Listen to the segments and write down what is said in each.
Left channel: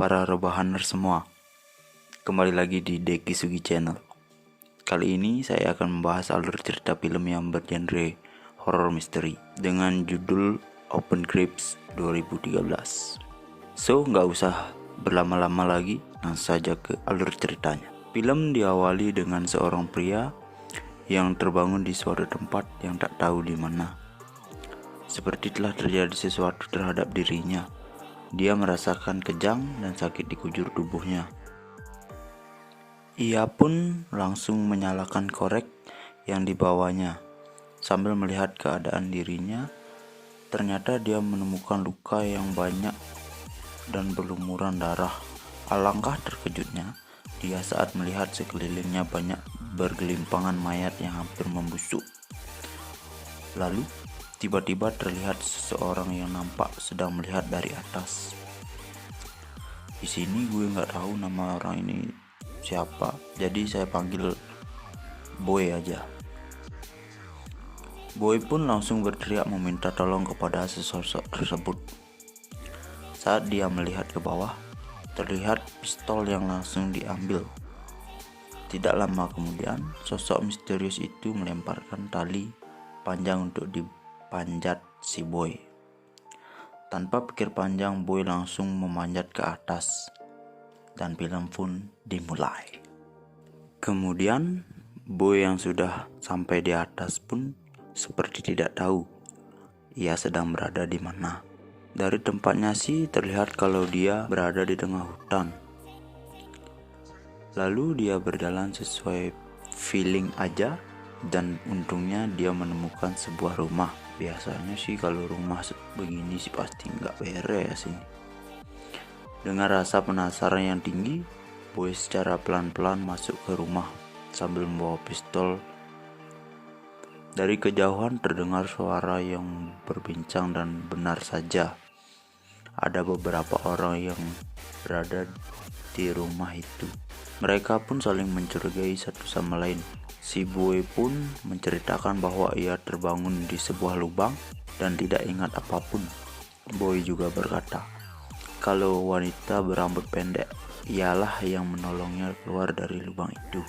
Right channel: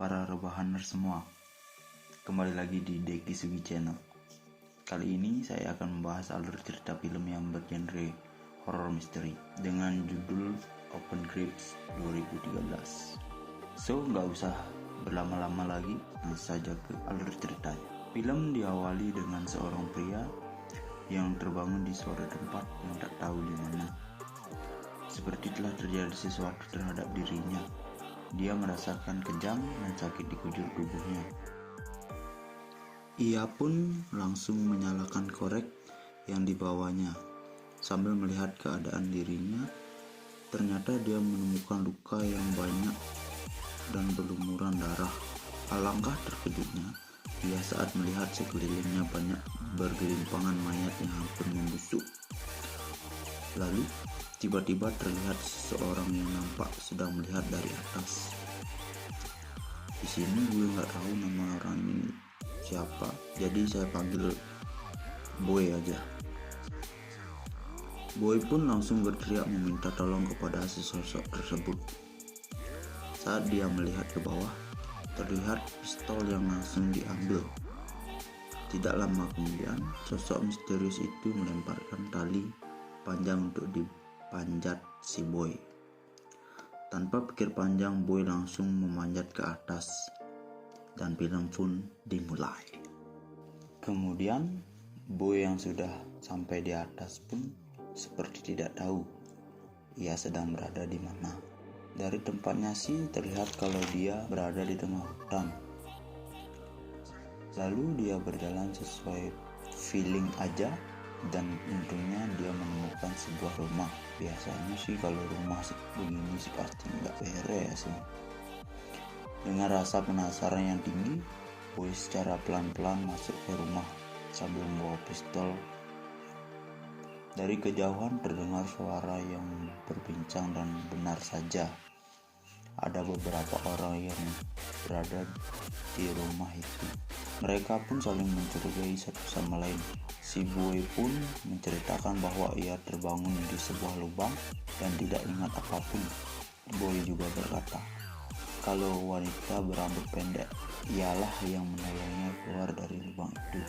para rebahaner semua. Kembali lagi di Deki Sugi Channel. Kali ini saya akan membahas alur cerita film yang bergenre horror misteri dengan judul Open Crypts 2013. So, nggak usah berlama-lama lagi, langsung saja ke alur ceritanya. Film diawali dengan seorang pria yang terbangun di suatu tempat yang tak tahu di mana. Seperti telah terjadi sesuatu terhadap dirinya. Dia merasakan kejang dan sakit di kujur tubuhnya. Ia pun langsung menyalakan korek yang dibawanya. Sambil melihat keadaan dirinya, ternyata dia menemukan luka yang banyak dan berlumuran darah. Alangkah terkejutnya dia saat melihat sekelilingnya banyak bergelimpangan mayat yang hampir membusuk. Lalu tiba-tiba terlihat seseorang yang nampak sedang melihat dari atas. Di sini gue nggak tahu nama orang ini siapa, jadi saya panggil Boy aja. Boy pun langsung berteriak meminta tolong kepada sesosok tersebut. Saat dia melihat ke bawah, terlihat pistol yang langsung diambil. Tidak lama kemudian, sosok misterius itu melemparkan tali panjang untuk dipanjat si Boy. Tanpa pikir panjang, Boy langsung memanjat ke atas dan film pun dimulai. Kemudian Boy yang sudah sampai di atas pun seperti tidak tahu ia sedang berada di mana. Dari tempatnya sih terlihat kalau dia berada di tengah hutan. Lalu dia berjalan sesuai feeling aja, dan untungnya dia menemukan sebuah rumah. Biasanya sih kalau rumah begini sih pasti nggak beres sih. Dengan rasa penasaran yang tinggi, Boy secara pelan-pelan masuk ke rumah sambil membawa pistol. Dari kejauhan terdengar suara yang berbincang dan benar saja ada beberapa orang yang berada di rumah itu. Mereka pun saling mencurigai satu sama lain. Si Boy pun menceritakan bahwa ia terbangun di sebuah lubang dan tidak ingat apapun. Boy juga berkata kalau wanita berambut pendek ialah yang menolongnya keluar dari lubang itu.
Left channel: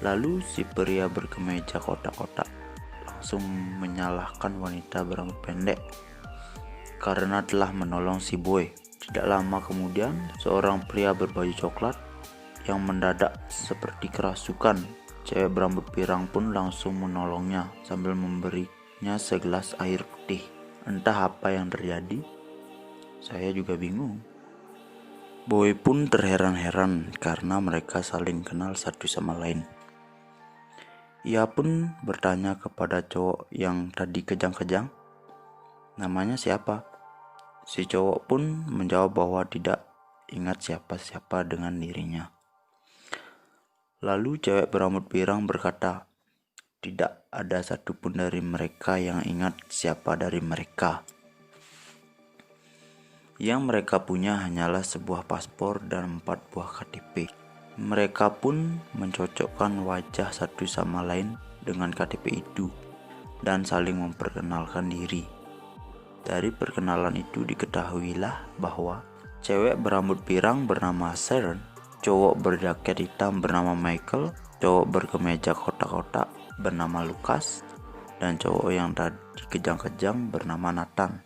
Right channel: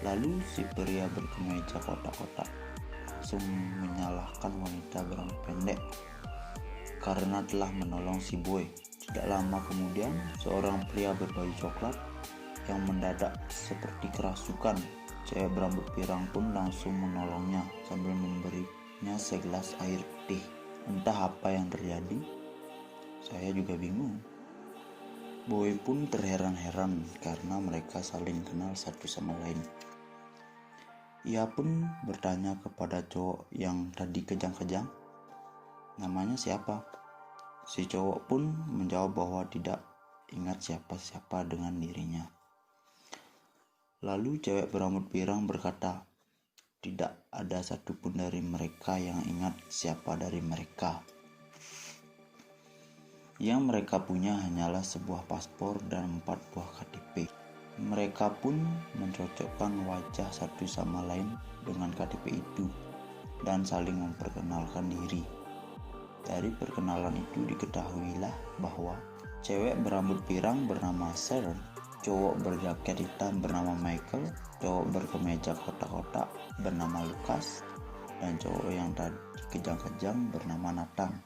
Lalu si pria berkemeja kotak-kotak langsung menyalahkan wanita berambut pendek karena telah menolong si Boy. Tidak lama kemudian, seorang pria berbaju coklat yang mendadak seperti kerasukan. Cewek berambut pirang pun langsung menolongnya sambil memberinya segelas air putih. Entah apa yang terjadi, saya juga bingung. Boy pun terheran-heran karena mereka saling kenal satu sama lain. Ia pun bertanya kepada cowok yang tadi kejang-kejang, namanya siapa? Si cowok pun menjawab bahwa tidak ingat siapa-siapa dengan dirinya. Lalu cewek berambut pirang berkata, tidak ada satupun dari mereka yang ingat siapa dari mereka. Yang mereka punya hanyalah sebuah paspor dan 4 buah KTP. Mereka pun mencocokkan wajah satu sama lain dengan KTP itu dan saling memperkenalkan diri. Dari perkenalan itu diketahuilah bahwa cewek berambut pirang bernama Sharon, cowok berjaket hitam bernama Michael, cowok berkemeja kotak-kotak bernama Lucas, dan cowok yang tadi kejang-kejang bernama Nathan.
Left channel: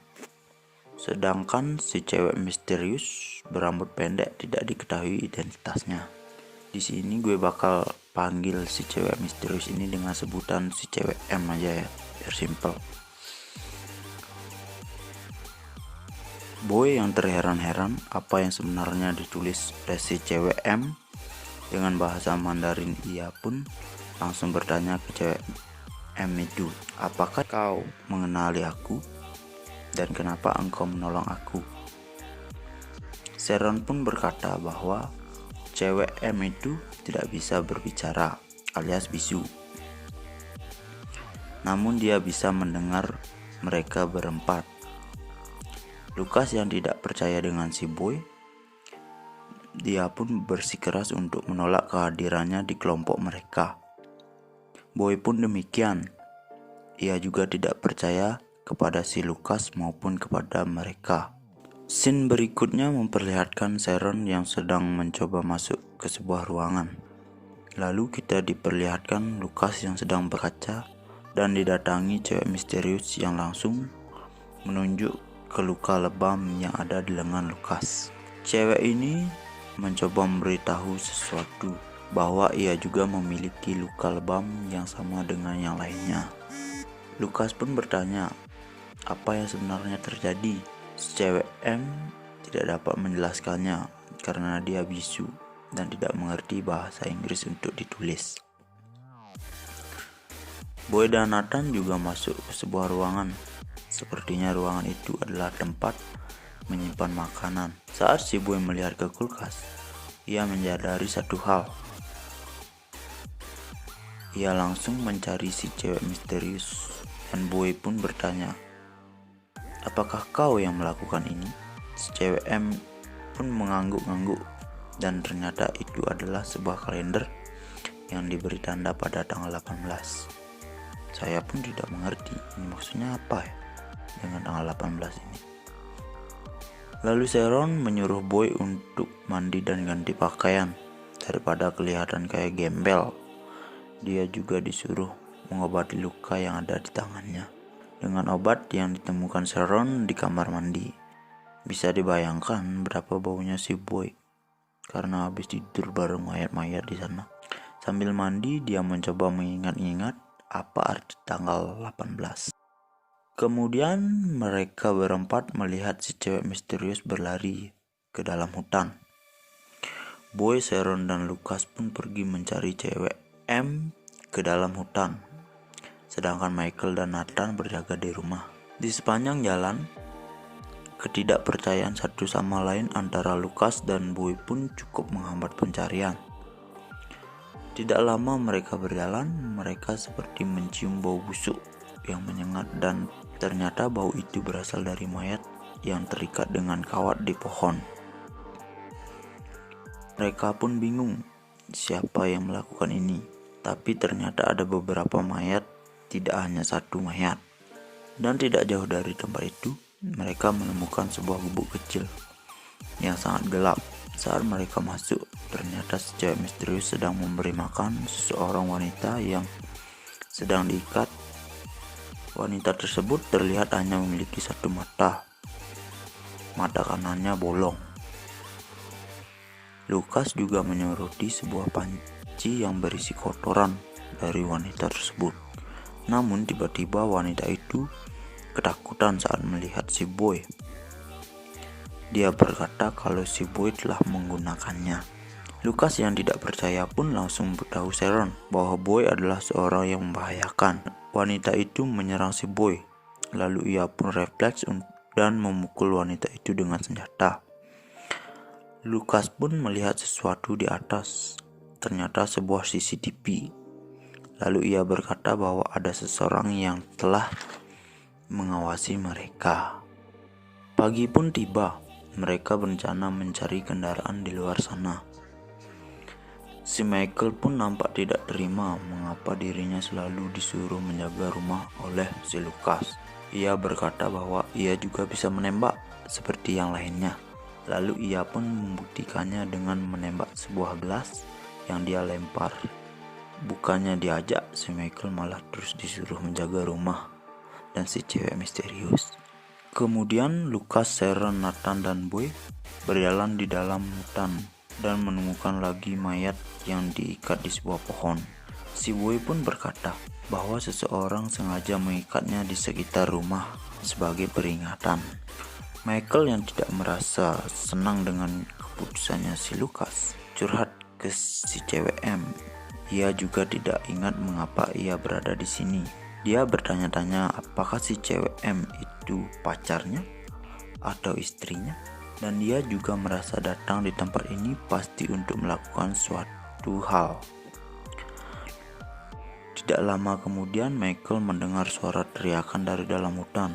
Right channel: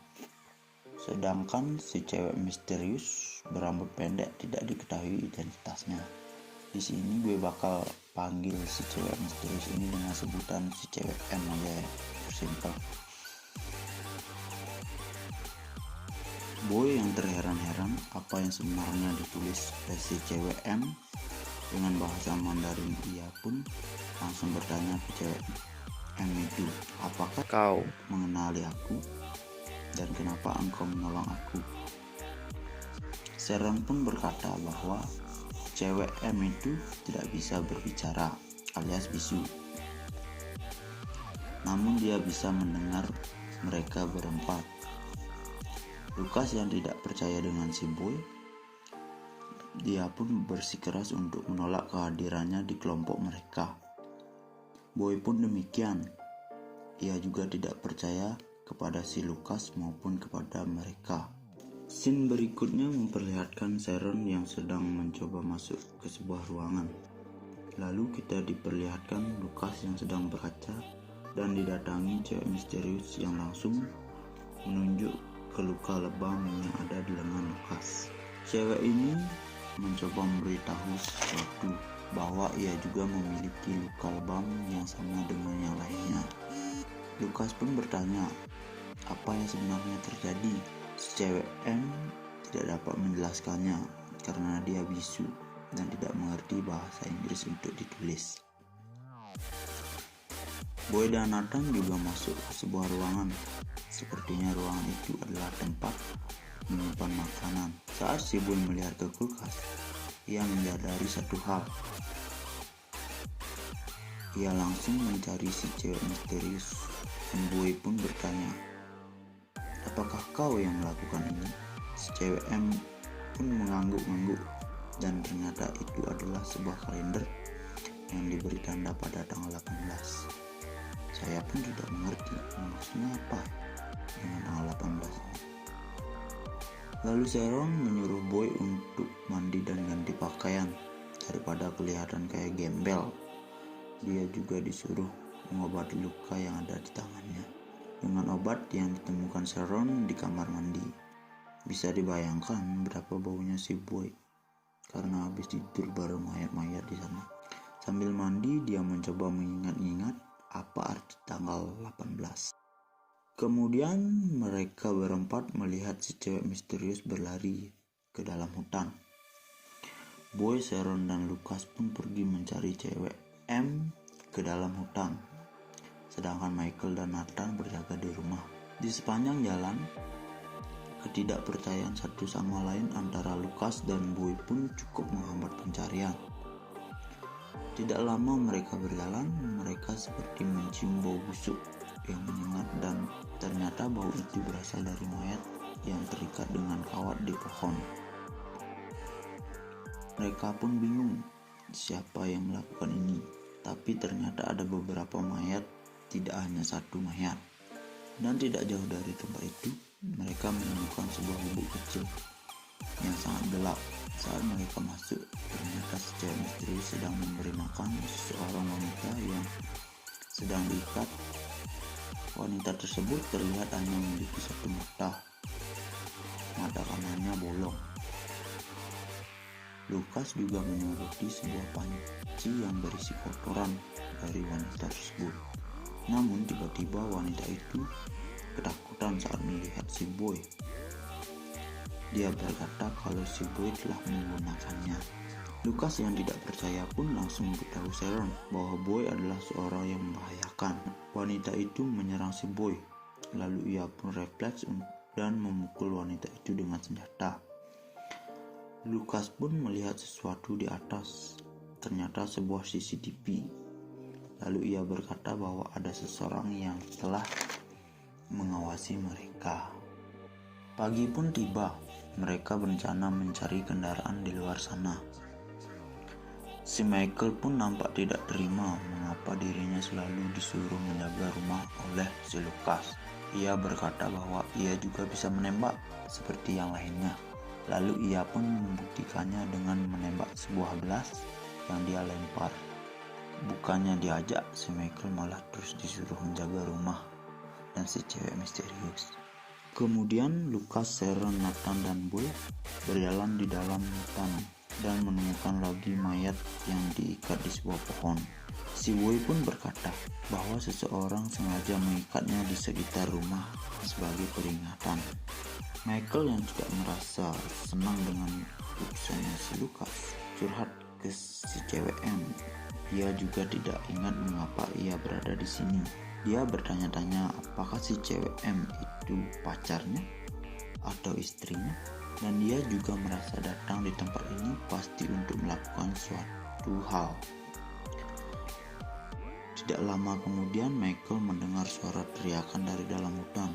Sedangkan si cewek misterius berambut pendek tidak diketahui identitasnya. Di sini gue bakal panggil si cewek misterius ini dengan sebutan si cewek M aja ya, biar simple. Boy yang terheran-heran apa yang sebenarnya ditulis oleh si cewek M dengan bahasa Mandarin. Ia pun langsung bertanya ke cewek M itu, apakah kau mengenali aku dan kenapa engkau menolong aku? Sharon pun berkata bahwa cewek M itu tidak bisa berbicara alias bisu, namun dia bisa mendengar mereka berempat. Lucas yang tidak percaya dengan si Boy, dia pun bersikeras untuk menolak kehadirannya di kelompok mereka. Boy pun demikian. Ia juga tidak percaya kepada si Lucas maupun kepada mereka. Scene berikutnya memperlihatkan Sharon yang sedang mencoba masuk ke sebuah ruangan. Lalu kita diperlihatkan Lucas yang sedang berkaca dan didatangi cewek misterius yang langsung menunjuk ke luka lebam yang ada di lengan Lucas. Cewek ini mencoba memberitahu sesuatu bahwa ia juga memiliki luka lebam yang sama dengan yang lainnya. Lucas pun bertanya, apa yang sebenarnya terjadi? Cewek M tidak dapat menjelaskannya karena dia bisu dan tidak mengerti bahasa Inggris untuk ditulis. Boy dan Nathan juga masuk ke sebuah ruangan. Sepertinya ruangan itu adalah tempat menyimpan makanan. Saat si Boy melihat ke kulkas, ia menyadari satu hal. Ia langsung mencari si cewek misterius dan Boy pun bertanya, apakah kau yang melakukan ini? Si cewek M pun mengangguk-angguk dan ternyata itu adalah sebuah kalender yang diberi tanda pada tanggal 18. Saya pun tidak mengerti ini maksudnya apa ya dengan tanggal 18 ini. Lalu Sharon menyuruh Boy untuk mandi dan ganti pakaian daripada kelihatan kayak gembel. Dia juga disuruh mengobati luka yang ada di tangannya dengan obat yang ditemukan Sharon di kamar mandi. Bisa dibayangkan berapa baunya si Boy karena habis tidur bareng mayat-mayat di sana. Sambil mandi dia mencoba mengingat-ingat apa arti tanggal 18. Kemudian mereka berempat melihat si cewek misterius berlari ke dalam hutan. Boy, Sharon, dan Lucas pun pergi mencari cewek M ke dalam hutan. Sedangkan Michael dan Nathan berjaga di rumah. Di sepanjang jalan, ketidakpercayaan satu sama lain antara Lucas dan Boy pun cukup menghambat pencarian. Tidak lama mereka berjalan, mereka seperti mencium bau busuk yang menyengat dan ternyata bau itu berasal dari mayat yang terikat dengan kawat di pohon. Mereka pun bingung siapa yang melakukan ini, tapi ternyata ada beberapa mayat, tidak hanya satu mayat. Dan tidak jauh dari tempat itu, mereka menemukan sebuah gubuk kecil yang sangat gelap. Saat mereka masuk, ternyata si cewek misterius sedang memberi makan seseorang wanita yang sedang diikat. Wanita tersebut terlihat hanya memiliki satu mata. Mata kanannya bolong. Lucas juga menyoroti sebuah panci yang berisi kotoran dari wanita tersebut. Namun tiba-tiba wanita itu ketakutan saat melihat si Boy. Dia berkata kalau si Boy telah menggunakannya. Lucas yang tidak percaya pun langsung beritahu Sharon bahwa Boy adalah seorang yang membahayakan. Wanita itu menyerang si Boy, lalu ia pun refleks dan memukul wanita itu dengan senjata. Lucas pun melihat sesuatu di atas, ternyata sebuah CCTV. Lalu ia berkata bahwa ada seseorang yang telah mengawasi mereka. Pagi pun tiba. Mereka berencana mencari kendaraan di luar sana. Si Michael pun nampak tidak terima mengapa dirinya selalu disuruh menjaga rumah oleh si Lucas. Ia berkata bahwa ia juga bisa menembak seperti yang lainnya. Lalu ia pun membuktikannya dengan menembak sebuah gelas yang dia lempar. Bukannya diajak, si Michael malah terus disuruh menjaga rumah dan si cewek misterius. Kemudian Lucas, Sharon, Nathan, dan Boy berjalan di dalam hutan dan menemukan lagi mayat yang diikat di sebuah pohon. Si Boy pun berkata bahwa seseorang sengaja mengikatnya di sekitar rumah sebagai peringatan. Michael yang tidak merasa senang dengan keputusannya si Lucas curhat ke si cewek M. Ia juga tidak ingat mengapa ia berada di sini. Dia bertanya-tanya apakah si cewek M itu pacarnya atau istrinya, dan dia juga merasa datang di tempat ini pasti untuk melakukan suatu hal. Tidak lama kemudian Michael mendengar suara teriakan dari dalam hutan.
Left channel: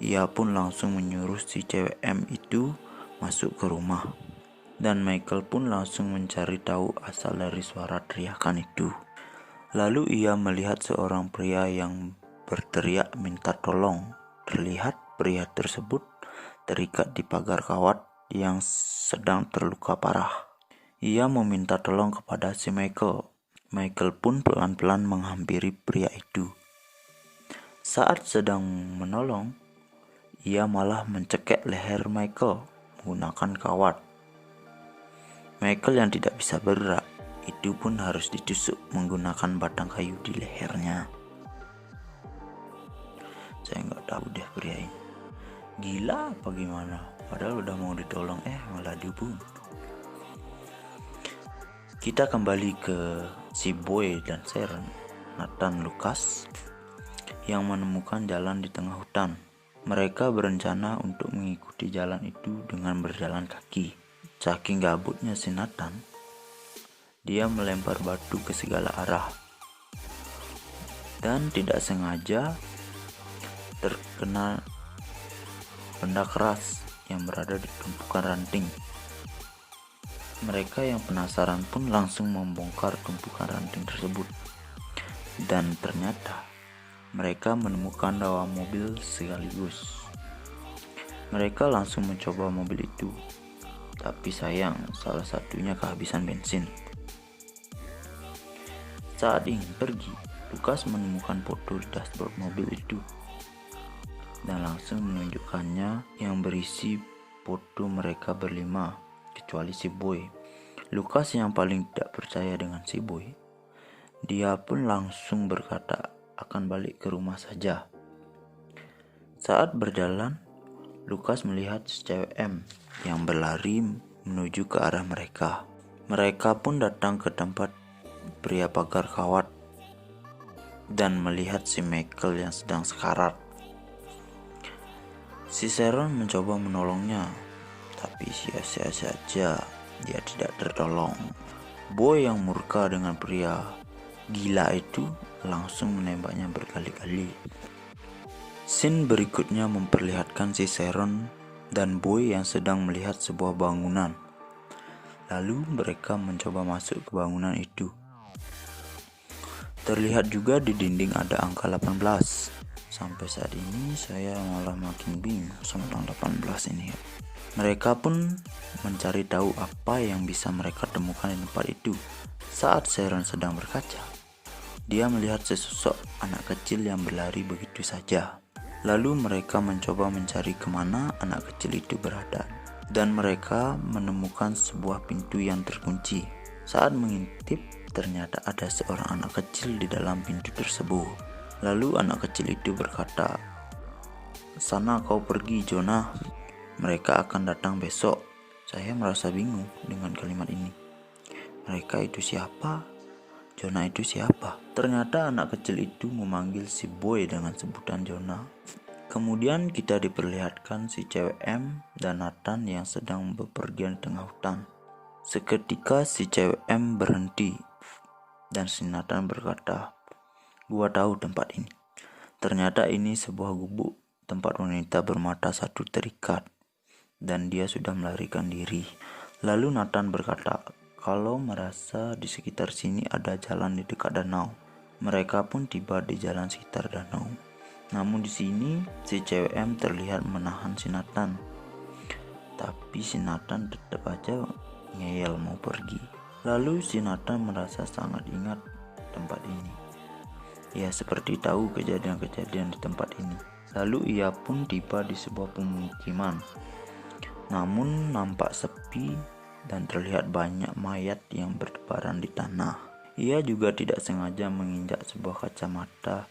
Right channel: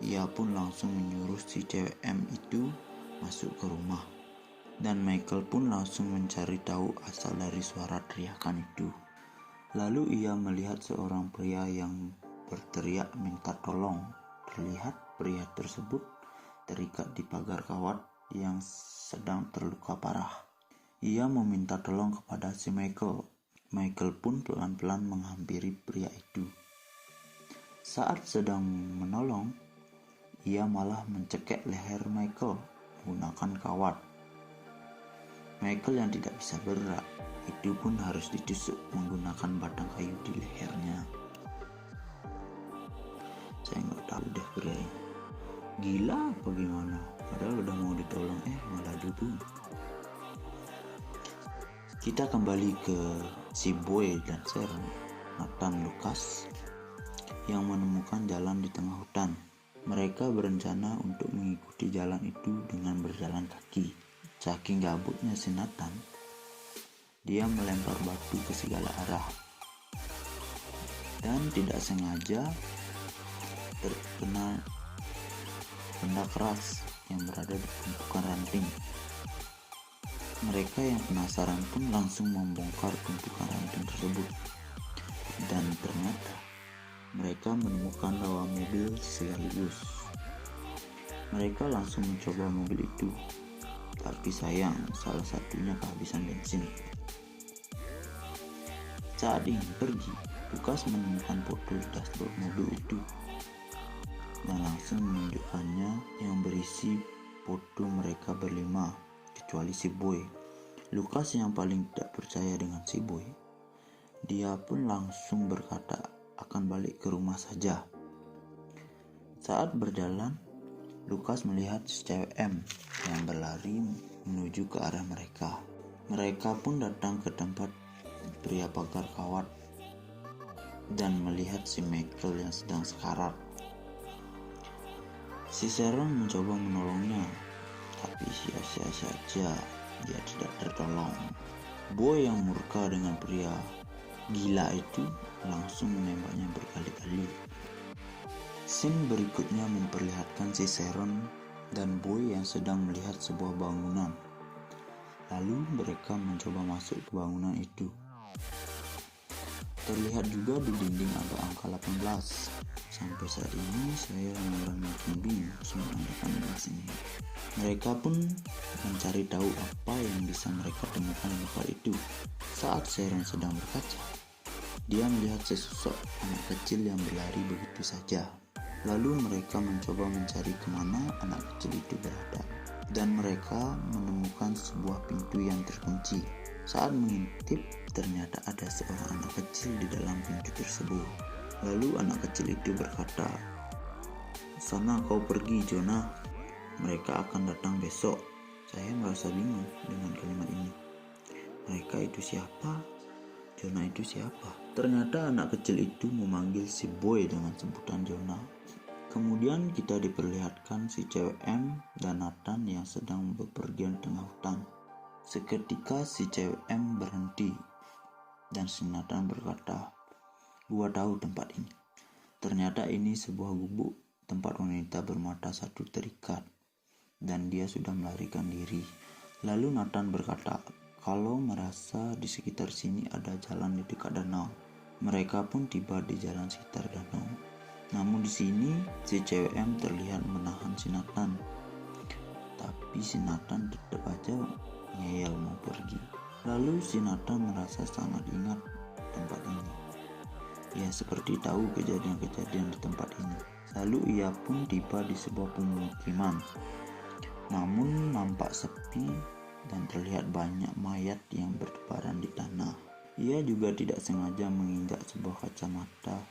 Ia pun langsung menyuruh si cewek M itu masuk ke rumah, dan Michael pun langsung mencari tahu asal dari suara teriakan itu. Lalu ia melihat seorang pria yang berteriak minta tolong. Terlihat pria tersebut terikat di pagar kawat yang sedang terluka parah. Ia meminta tolong kepada si Michael. Michael pun pelan-pelan menghampiri pria itu. Saat sedang menolong, ia malah mencekik leher Michael menggunakan kawat. Michael yang tidak bisa bergerak itu pun harus ditusuk menggunakan batang kayu di lehernya. Saya nggak tahu deh pria ini gila apa gimana, padahal udah mau ditolong malah dibunuh. Kita kembali ke si Boy dan Sharon. Nathan Lucas yang menemukan jalan di tengah hutan. Mereka berencana untuk mengikuti jalan itu dengan berjalan kaki. Saking gabutnya si Nathan, dia melempar batu ke segala arah dan tidak sengaja terkena benda keras yang berada di tumpukan ranting. Mereka yang penasaran pun langsung membongkar tumpukan ranting tersebut, dan ternyata mereka menemukan 2 mobil sekaligus. Mereka langsung mencoba mobil itu, tapi sayang salah satunya kehabisan bensin. Saat ingin pergi, Lucas menemukan foto dashboard mobil itu dan langsung menunjukkannya yang berisi foto mereka berlima kecuali si Boy. Lucas yang paling tidak percaya dengan si Boy, dia pun langsung berkata akan balik ke rumah saja. Saat berjalan, Lucas melihat cewek M yang berlari menuju ke arah mereka. Mereka pun datang ke tempat pria pagar kawat dan melihat si Michael yang sedang sekarat. Si Sharon mencoba menolongnya, tapi sia-sia saja, dia tidak tertolong. Boy yang murka dengan pria gila itu langsung menembaknya berkali-kali. Scene berikutnya memperlihatkan si Sharon dan Boy yang sedang melihat sebuah bangunan. Lalu mereka mencoba masuk ke bangunan itu. Terlihat juga di dinding ada angka 18. Sampai saat ini saya malah makin bingung tentang 18 ini. Mereka pun mencari tahu apa yang bisa mereka temukan di tempat itu. Saat Sharon sedang berkaca, dia melihat sesosok anak kecil yang berlari begitu saja. Lalu mereka mencoba mencari kemana anak kecil itu berada, dan mereka menemukan sebuah pintu yang terkunci. Saat mengintip, ternyata ada seorang anak kecil di dalam pintu tersebut. Lalu anak kecil itu berkata, "Sana kau pergi, Jonah. Mereka akan datang besok." Saya merasa bingung dengan kalimat ini. Mereka itu siapa? Jonah itu siapa? Ternyata anak kecil itu memanggil si Boy dengan sebutan Jonah. Kemudian kita diperlihatkan si cewek M dan Nathan yang sedang bepergian di tengah hutan. Seketika si cewek M berhenti dan si Nathan berkata, "Gua tahu tempat ini." Ternyata ini sebuah gubuk tempat wanita bermata satu terikat dan dia sudah melarikan diri. Lalu Nathan berkata kalau merasa di sekitar sini ada jalan di dekat danau. Mereka pun tiba di jalan sekitar danau. Namun di sini si cewek M terlihat menahan si Nathan. Tapi si Nathan tetap aja ngeyel mau pergi. Lalu si Nathan merasa sangat ingat tempat ini. Ia seperti tahu kejadian-kejadian di tempat ini. Lalu ia pun tiba di sebuah pemukiman. Namun nampak sepi dan terlihat banyak mayat yang bertebaran di tanah. Ia juga tidak sengaja menginjak sebuah kacamata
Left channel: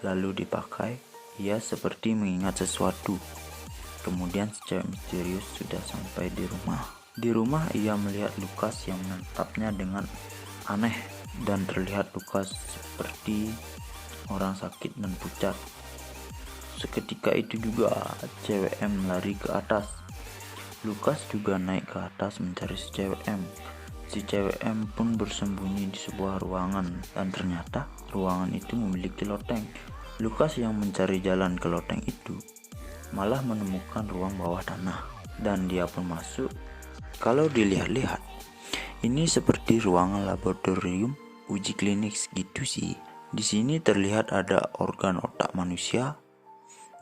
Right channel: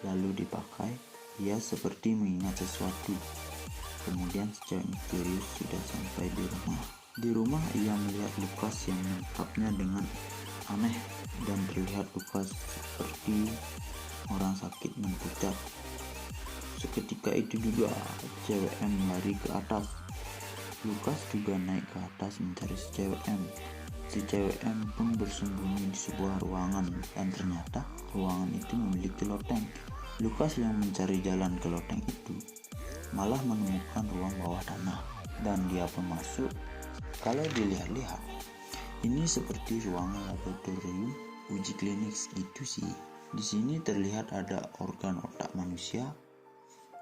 lalu dipakai. Ia seperti mengingat sesuatu. Kemudian secara misterius sudah sampai di rumah. Di rumah ia melihat Lucas yang menatapnya dengan aneh dan terlihat Lucas seperti orang sakit dan pucat. Seketika itu juga cewek M lari ke atas. Lucas juga naik ke atas mencari si cewek M. Si cewek M pun bersembunyi di sebuah ruangan dan ternyata ruangan itu memiliki loteng. Lucas yang mencari jalan ke loteng itu malah menemukan ruang bawah tanah dan dia pun masuk. Kalau dilihat-lihat, ini seperti ruangan laboratorium uji klinik gitu sih. Di sini terlihat ada organ otak manusia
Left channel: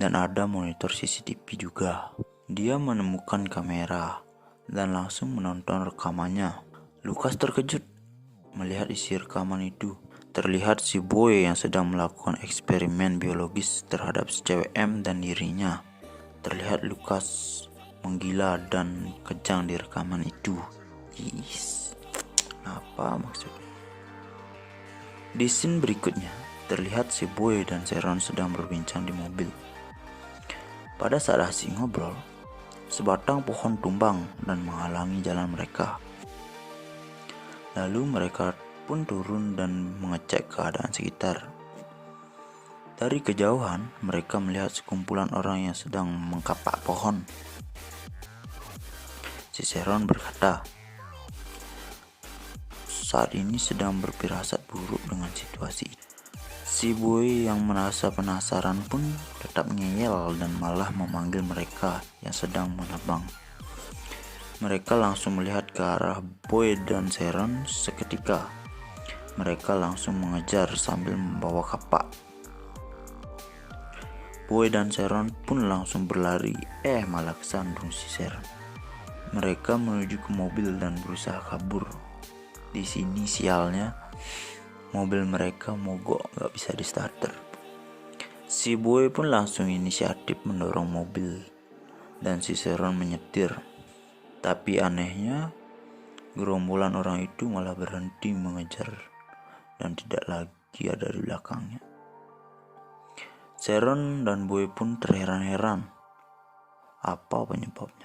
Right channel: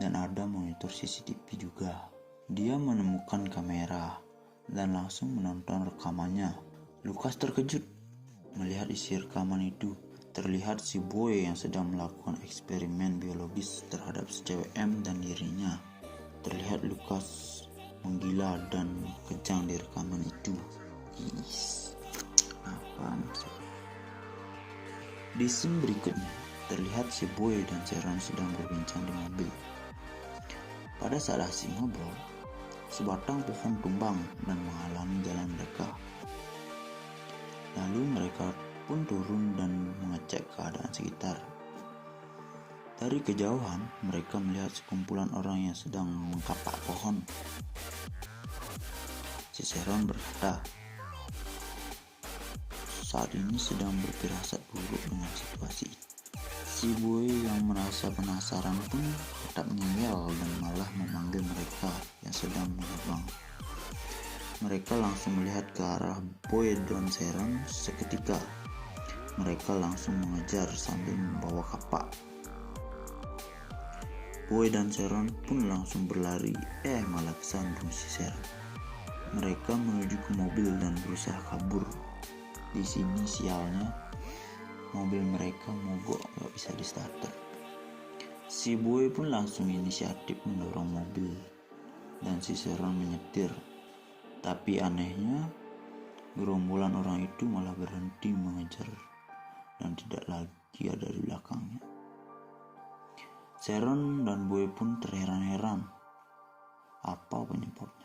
dan ada monitor CCTV juga. Dia menemukan kamera dan langsung menonton rekamannya. Lukas terkejut melihat isi rekaman itu. Terlihat si Boy yang sedang melakukan eksperimen biologis terhadap si cewek M dan dirinya. Terlihat Lukas menggila dan kejang di rekaman itu. Apa maksudnya? Di scene berikutnya, terlihat si Boy dan Sharon sedang berbincang di mobil. Pada saat asik ngobrol, sebatang pohon tumbang dan menghalangi jalan mereka. Lalu mereka pun turun dan mengecek keadaan sekitar. Dari kejauhan, mereka melihat sekumpulan orang yang sedang mengkapak pohon. Si Sharon berkata, saat ini sedang berfirasat buruk dengan situasi. Si Boy yang merasa penasaran pun tetap ngeyel dan malah memanggil mereka yang sedang menebang. Mereka langsung melihat ke arah Boy dan Sharon seketika. Mereka langsung mengejar sambil membawa kapak. Boy dan Sharon pun langsung berlari, malah kesandung si Sharon. Mereka menuju ke mobil dan berusaha kabur. Di sini sialnya, mobil mereka mogok, gak bisa di starter. Si Boy pun langsung inisiatif mendorong mobil dan si Sharon menyetir. Tapi anehnya, gerombolan orang itu malah berhenti mengejar dan tidak lagi ada di belakangnya. Sharon dan Boy pun terheran-heran. Apa penyebabnya?